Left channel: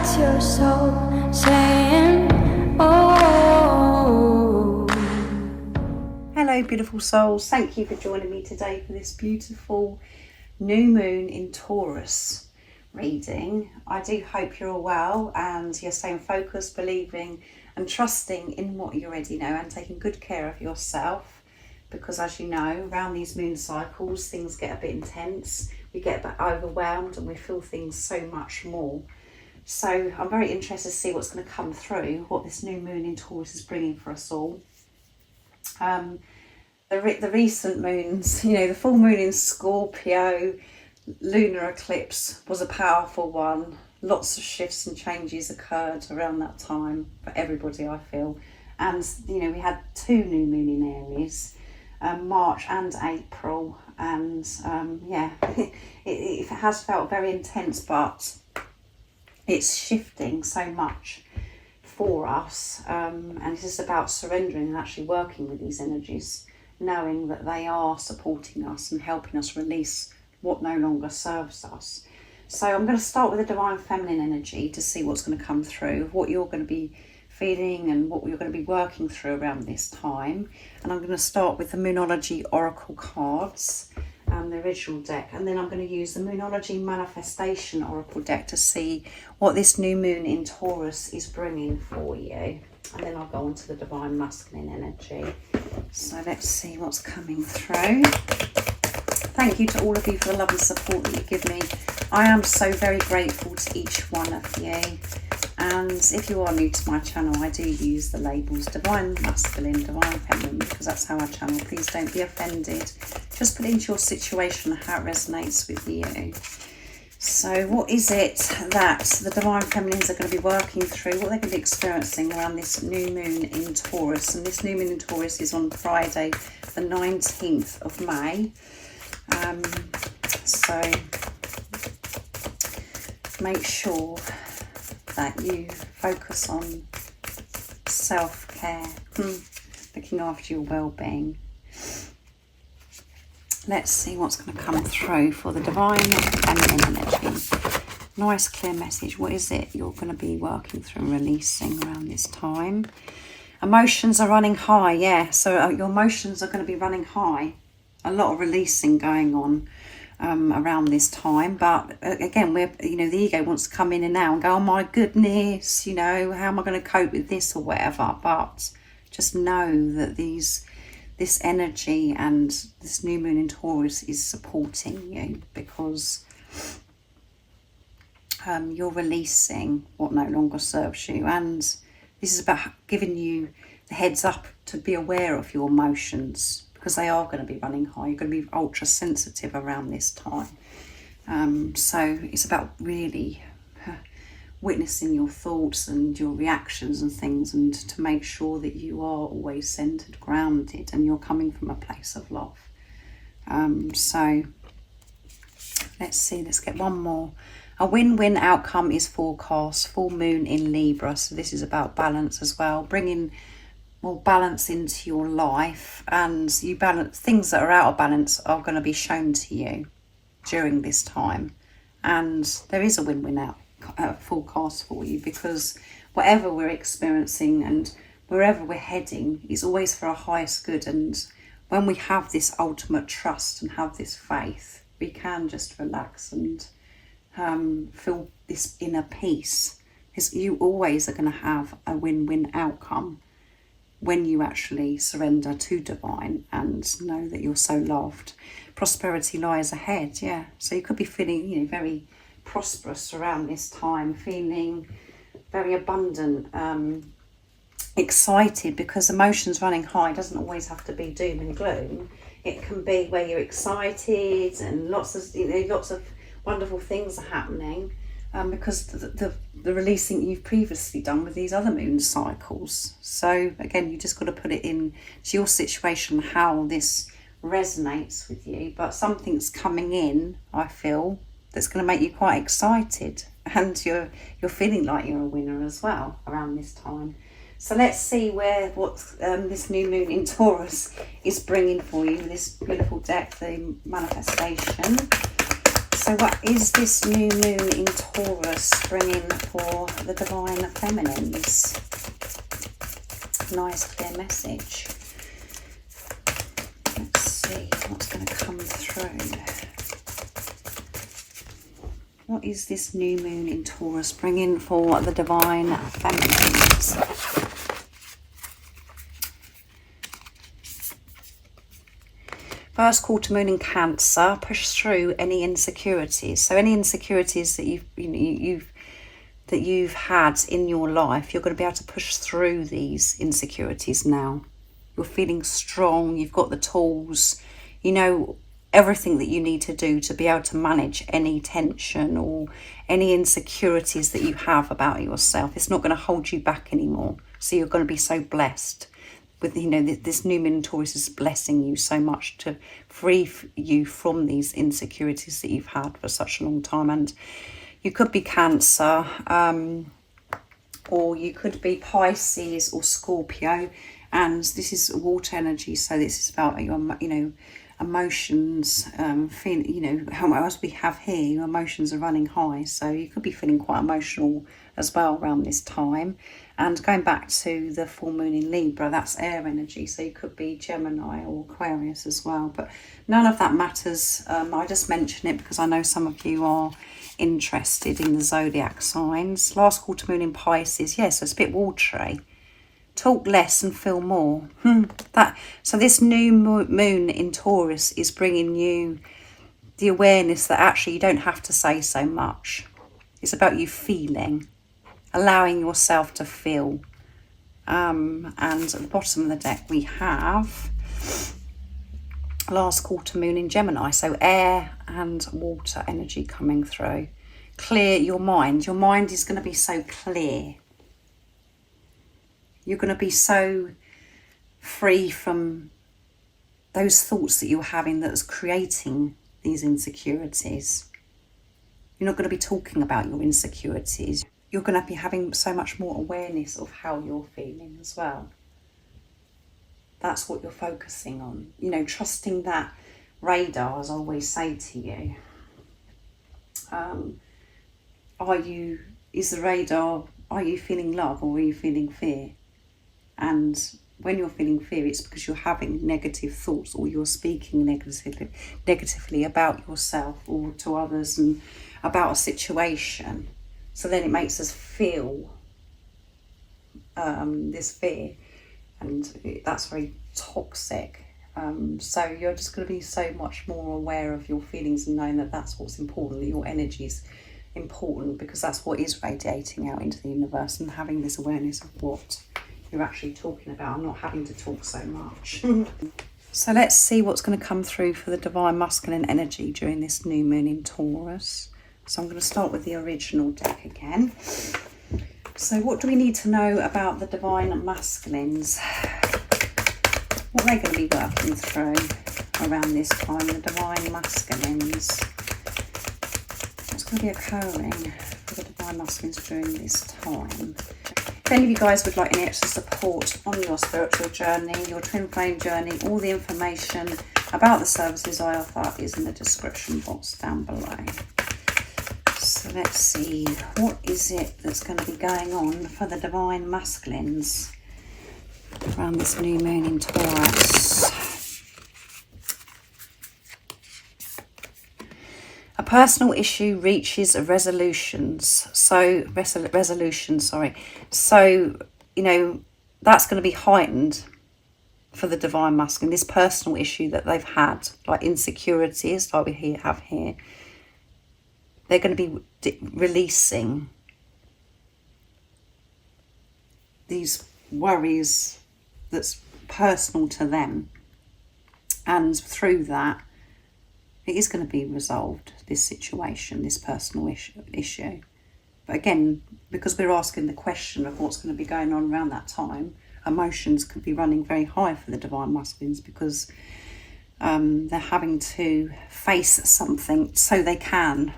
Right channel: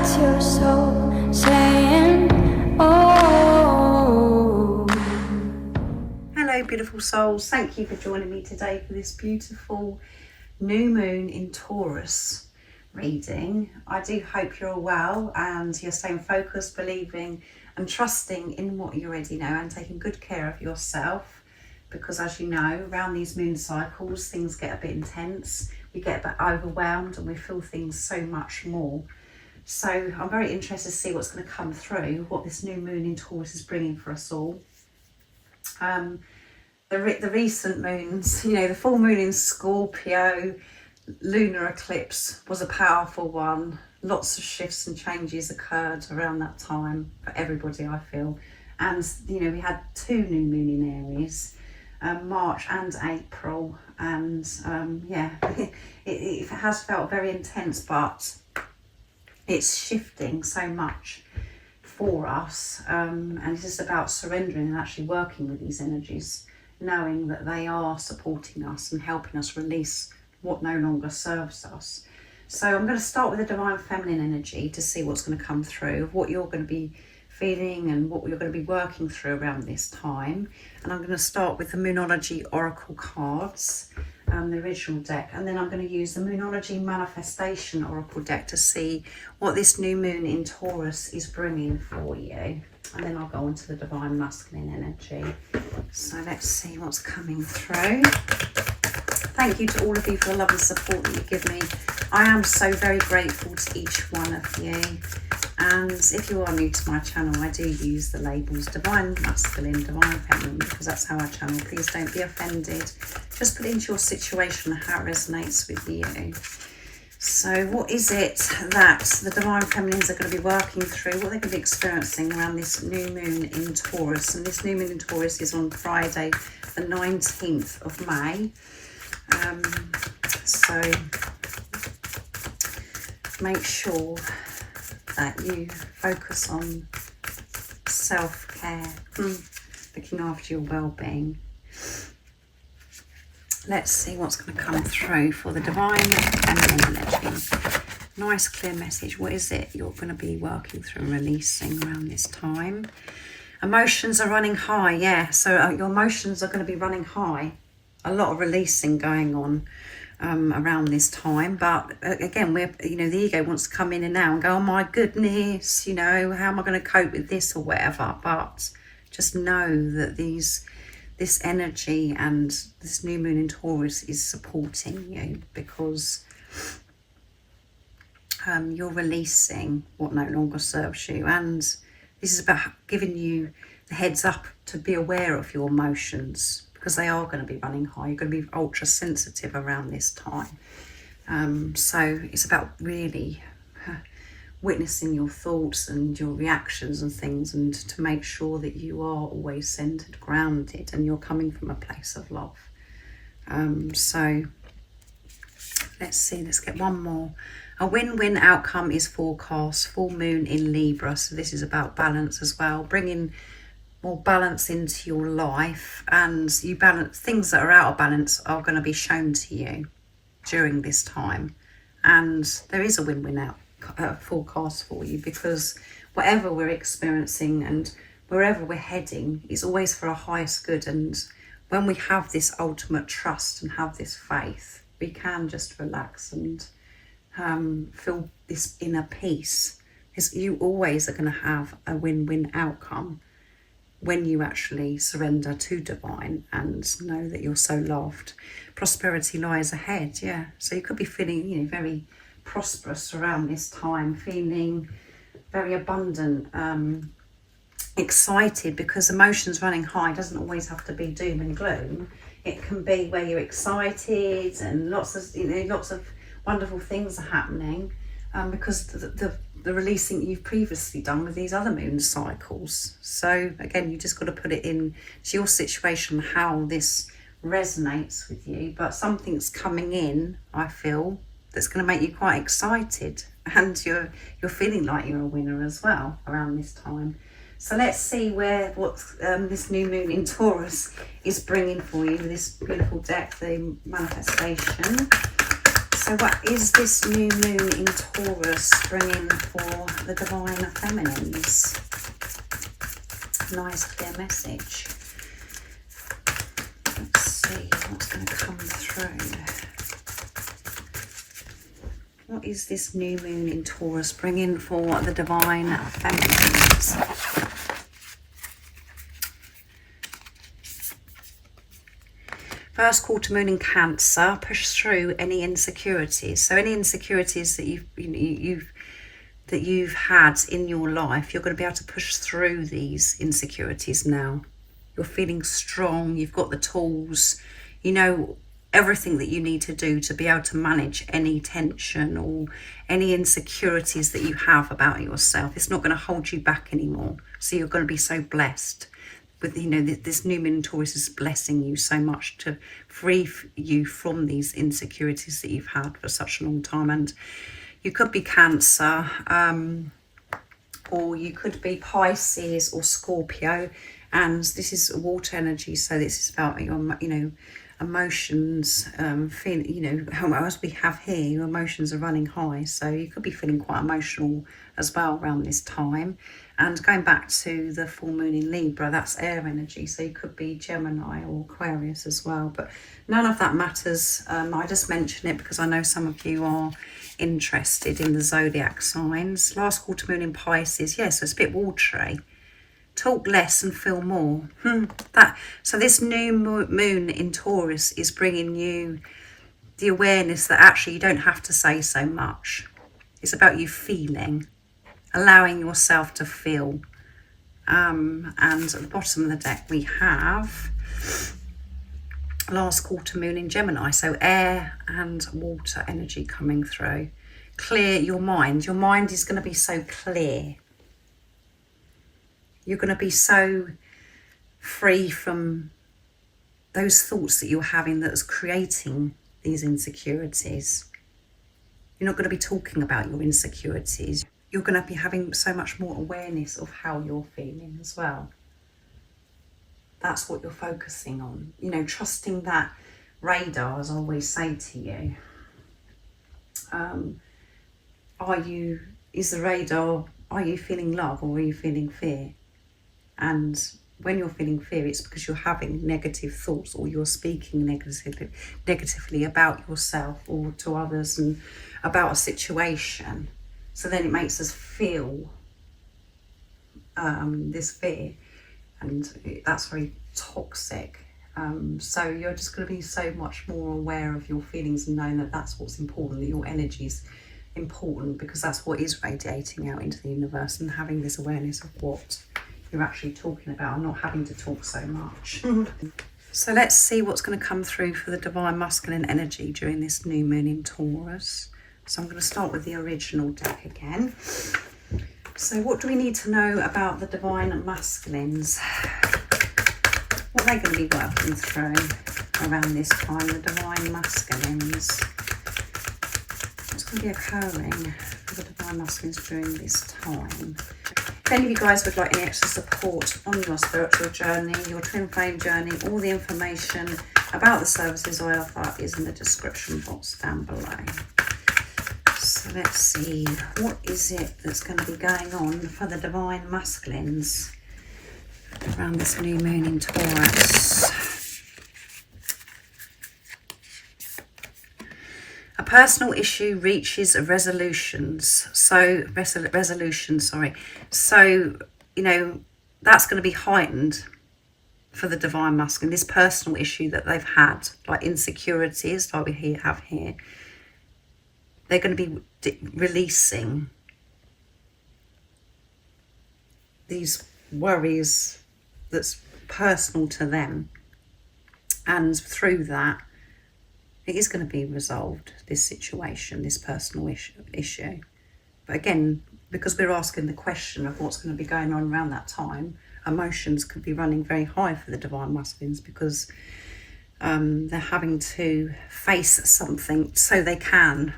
That's your soul saying, oh. Hello beautiful souls, thank you for joining me today for this beautiful new moon in Taurus reading. I do hope you're all well and you're staying focused, believing and trusting in what you already know and taking good care of yourself, because as you know, around these moon cycles things get a bit intense, we get a bit overwhelmed and we feel things so much more. So I'm very interested to see what's going to come through, what this new moon in Taurus is bringing for us all. The recent moons, you know, the full moon in Scorpio, lunar eclipse was a powerful one. Lots of shifts and changes occurred around that time for everybody, I feel. And, you know, we had two new moon in Aries, March and April. And yeah, it has felt very intense, but it's shifting so much for us. And it's just about surrendering and actually working with these energies, knowing that they are supporting us and helping us release what no longer serves us. So I'm going to start with the divine feminine energy to see what's going to come through, what you're going to be feeling and what you're going to be working through around this time. And I'm going to start with the Moonology Oracle cards and the original deck, and then I'm going to use the Moonology Manifestation Oracle deck to see what this new moon in Taurus is bringing for you. And then I'll go on to the divine masculine energy. So let's see what's coming through. Thank you to all of you for the love and support that you give me. I am so very grateful to each one of you. And if you are new to my channel, I do use the labels divine masculine, divine feminine, because that's how I channel. Please don't be offended. Just put into your situation how it resonates with you. So what is it that the divine feminines are going to be working through? What they're going to be experiencing around this new moon in Taurus? And this new moon in Taurus is on Friday, the 19th of May. So make sure that you focus on self-care, looking after your well-being. Let's see what's going to come through for the divine feminine energy. Nice clear message. What is it you're going to be working through and releasing around this time? Emotions are running high, yeah. So your emotions are going to be running high. A lot of releasing going on around this time, but again, you know, the ego wants to come in and out and go, oh my goodness, you know, how am I going to cope with this or whatever? But just know that this energy and this new moon in Taurus is supporting you, because you're releasing what no longer serves you, and this is about giving you the heads up to be aware of your emotions, because they are going to be running high. You're going to be ultra sensitive around this time. So it's about really witnessing your thoughts and your reactions and things, and to make sure that you are always centered, grounded, and you're coming from a place of love. So let's see, let's get one more. A win-win outcome is forecast, full moon in Libra. So this is about balance as well, bringing more balance into your life, and you balance things that are out of balance are going to be shown to you during this time, and there is a win-win forecast for you, because whatever we're experiencing and wherever we're heading is always for our highest good. And when we have this ultimate trust and have this faith, we can just relax and feel this inner peace, because you always are going to have a win-win outcome when you actually surrender to divine and know that you're so loved. Prosperity lies ahead, yeah. So you could be feeling, you know, very prosperous around this time, feeling very abundant, excited, because emotions running high doesn't always have to be doom and gloom. It can be where you're excited and lots of wonderful things are happening, because the releasing you've previously done with these other moon cycles. So again, you just got to put it in to your situation how this resonates with you. But something's coming in, I feel, that's going to make you quite excited, and you're feeling like you're a winner as well around this time. So let's see what this new moon in Taurus is bringing for you with this beautiful deck, the manifestation. So what is this new moon in Taurus Taurus, bringing for the divine feminines. Nice clear message. Let's see what's going to come through. What is this new moon in Taurus bringing for the divine feminines? First quarter moon in Cancer, push through any insecurities. So any insecurities that you've had in your life, you're going to be able to push through these insecurities now. You're feeling strong, you've got the tools, you know everything that you need to do to be able to manage any tension or any insecurities that you have about yourself. It's not going to hold you back anymore. So you're going to be so blessed with, you know, this new moon in Taurus is blessing you so much to free you from these insecurities that you've had for such a long time. And you could be Cancer, or you could be Pisces or Scorpio, and this is water energy, so this is about your, you know, emotions, as we have here, your emotions are running high, so you could be feeling quite emotional as well around this time. And going back to the full moon in Libra, that's air energy, so you could be Gemini or Aquarius as well, but none of that matters. I just mention it because I know some of you are interested in the zodiac signs. Last quarter moon in Pisces, yes, so it's a bit watery. Talk less and feel more. So this new moon in Taurus is bringing you the awareness that actually you don't have to say so much. It's about you feeling, allowing yourself to feel. And at the bottom of the deck we have last quarter moon in Gemini, so air and water energy coming through. Clear your mind. Your mind is going to be so clear. You're going to be so free from those thoughts that you're having that's creating these insecurities. You're not going to be talking about your insecurities. You're going to be having so much more awareness of how you're feeling as well. That's what you're focusing on. You know, trusting that radar, as I always say to you. Are you feeling love or are you feeling fear? And when you're feeling fear, it's because you're having negative thoughts or you're speaking negatively about yourself or to others and about a situation. So then it makes us feel this fear, and that's very toxic. So you're just going to be so much more aware of your feelings and knowing that that's what's important, that your energy is important, because that's what is radiating out into the universe, and having this awareness of what you're actually talking about and not having to talk so much. So let's see what's going to come through for the divine masculine energy during this new moon in Taurus. So I'm going to start with the original deck again. So what do we need to know about the divine masculines? What are they going to be working through around this time, the divine masculines? What's going to be occurring for the divine masculines during this time? If any of you guys would like any extra support on your spiritual journey, your twin flame journey, all the information about the services I offer is in the description box down below. So let's see, what is it that's going to be going on for the divine masculines around this new moon in Taurus? A personal issue reaches resolutions. So, So, you know, that's going to be heightened for the divine masculine. This personal issue that they've had, like insecurities, like we have here, they're going to be releasing these worries that's personal to them. And through that, it is going to be resolved, this situation, this personal issue. But again, because we're asking the question of what's going to be going on around that time, emotions could be running very high for the divine masculines, because they're having to face something so they can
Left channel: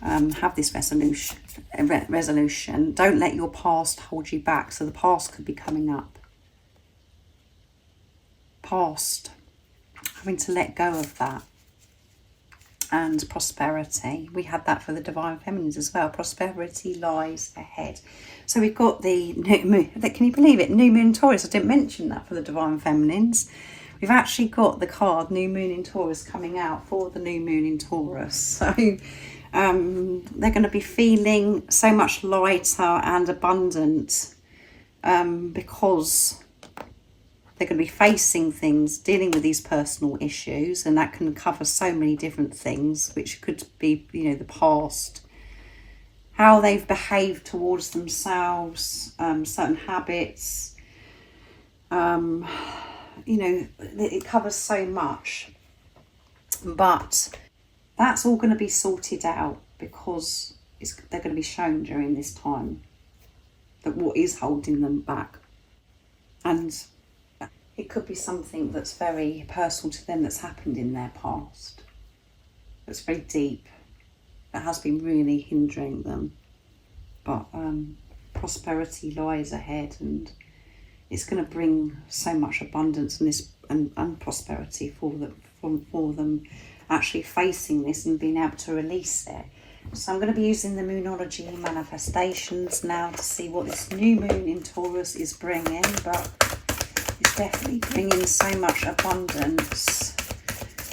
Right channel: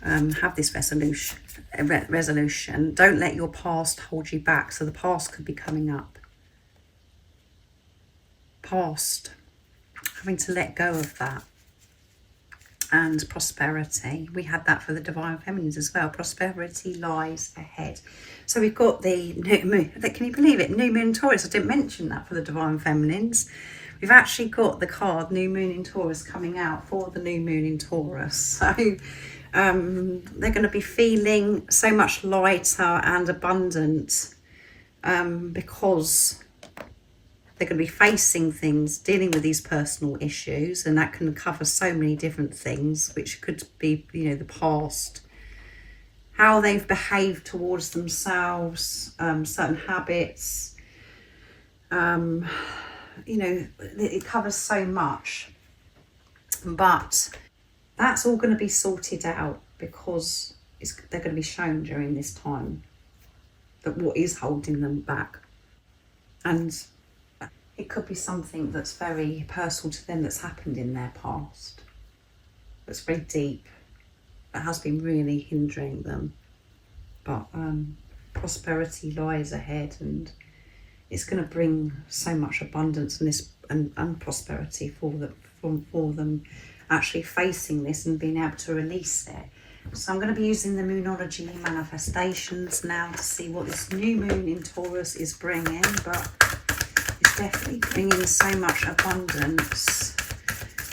have this resolution. Don't let your past hold you back. So the past could be coming up. Past, having to let go of that. and prosperity. We had that for the divine feminines as well. Prosperity lies ahead. So we've got the new moon. Can you believe it? New moon in Taurus. I didn't mention that for the divine feminines. We've actually got the card new moon in Taurus coming out for the new moon in Taurus. So they're going to be feeling so much lighter and abundant because they're going to be facing things, dealing with these personal issues, and that can cover so many different things, which could be, you know, the past, how they've behaved towards themselves, certain habits, you know, it covers so much. But that's all going to be sorted out because they're going to be shown during this time that what is holding them back. And it could be something that's very personal to them that's happened in their past, that's very deep, that has been really hindering them. But prosperity lies ahead, and it's going to bring so much abundance and prosperity for them actually facing this and being able to release it. So I'm going to be using the Moonology manifestations now to see what this new moon in Taurus is bringing, but it's definitely bringing so much abundance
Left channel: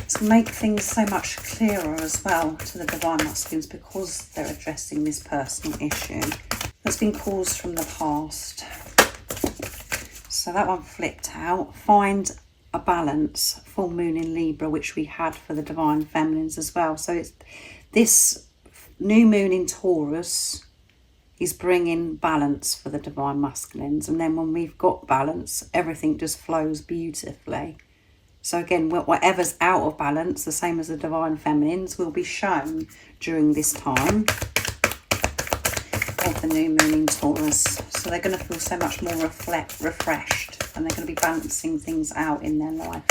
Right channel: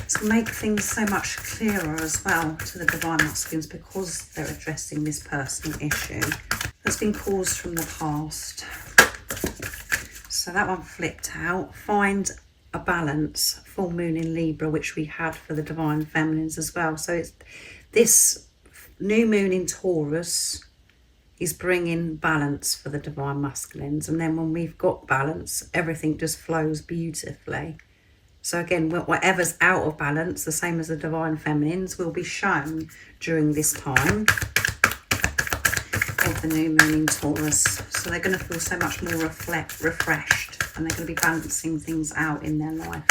to make things so much clearer as well to the divine masculines, because they're addressing this personal issue that's been caused from the past. So that one flipped out. Find a balance, full moon in Libra, which we had for the divine feminines as well. So it's this new moon in Taurus is bringing balance for the divine masculines, and then when we've got balance, everything just flows beautifully. So again, whatever's out of balance, the same as the divine feminines, will be shown during this time of the new moon in Taurus. So they're going to feel so much more refreshed, and they're going to be balancing things out in their life,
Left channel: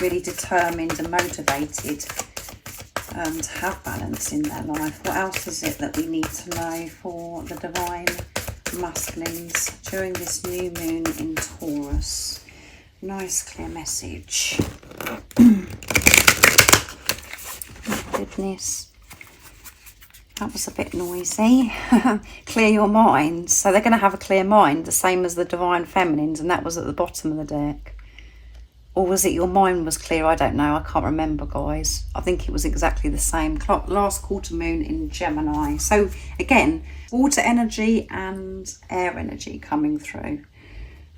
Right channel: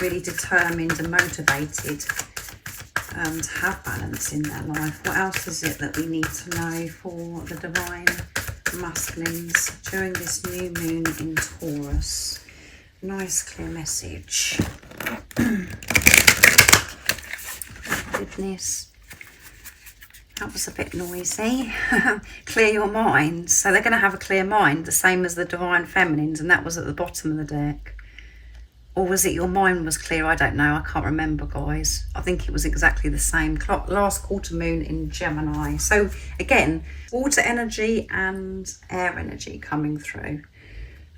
really determined and motivated to have balance in their life. What else is it that we need to know for the divine masculines during this new moon in Taurus? Nice clear message. Goodness, that was a bit noisy. Clear your mind. So they're going to have a clear mind, the same as the divine feminines, and that was at the bottom of the deck. Or was it your mind was clear? I don't know. I can't remember, guys. I think it was exactly the same. Last quarter moon in Gemini. So again, water energy and air energy coming through.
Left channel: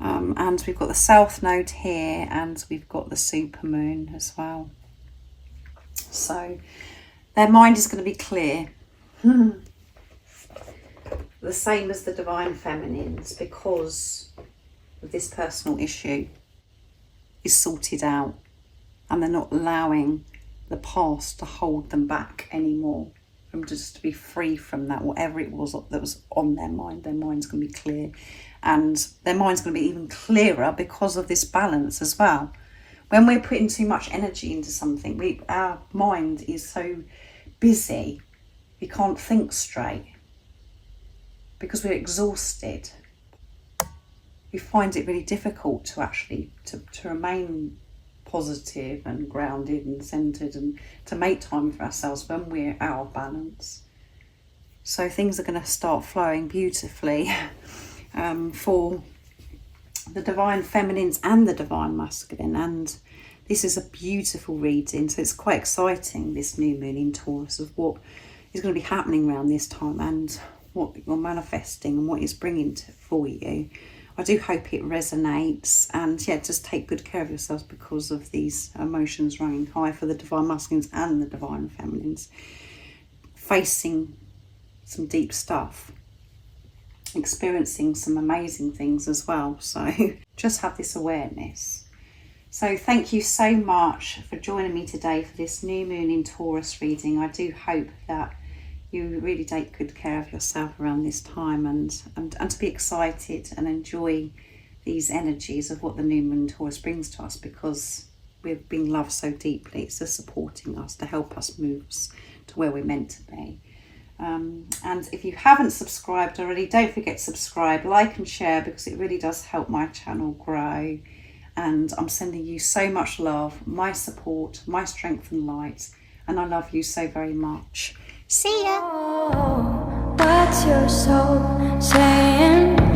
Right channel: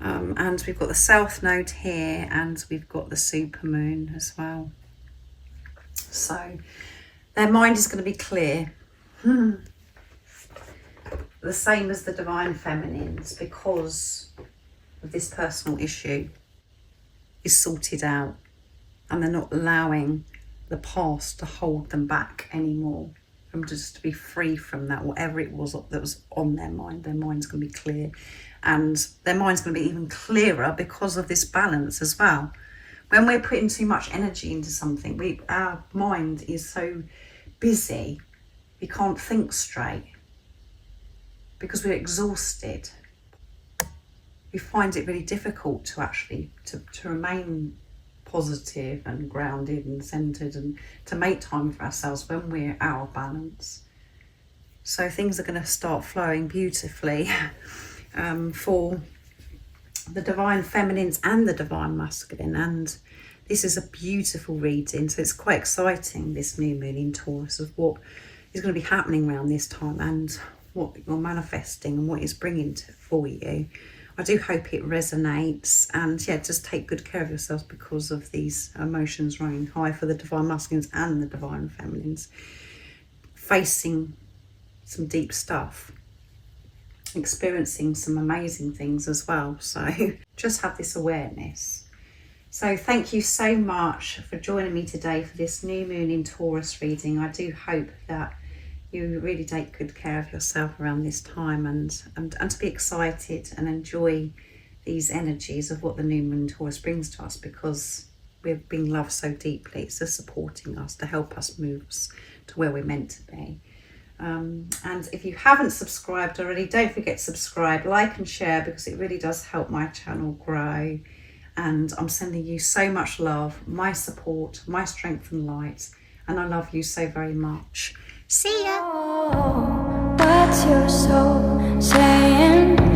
And we've got the south node here, and we've got the super moon as well. So their mind is going to be clear. The same as the divine feminines, because of this personal issue is sorted out, and they're not allowing the past to hold them back anymore, from just to be free from that, whatever it was that was on their mind. Their mind's going to be clear, and their mind's going to be even clearer because of this balance as well. When we're putting too much energy into something, our mind is so busy, we can't think straight because we're exhausted. We find it really difficult to actually to remain positive and grounded and centered, and to make time for ourselves when we're out of balance. So things are going to start flowing beautifully for the divine feminines and the divine masculine, and this is a beautiful reading. So it's quite exciting, this new moon in Taurus, of what is going to be happening around this time and what you're manifesting and what it's bringing for you. I do hope it resonates, and yeah, just take good care of yourselves because of these emotions running high for the divine masculines and the divine feminines, facing some deep stuff, experiencing some amazing things as well. So just have this awareness. So thank you so much for joining me today for this new moon in Taurus reading. I do hope that you really take good care of yourself around this time, and to be excited and enjoy these energies of what the new moon in Taurus brings to us, because we're being loved so deeply. It's just supporting us to help us move us to where we're meant to be. And if you haven't subscribed already, don't forget to subscribe, like and share, because it really does help my channel grow. And I'm sending you so much love, my support, my strength and light. and I love you so very much. See ya. Oh, what's your soul saying?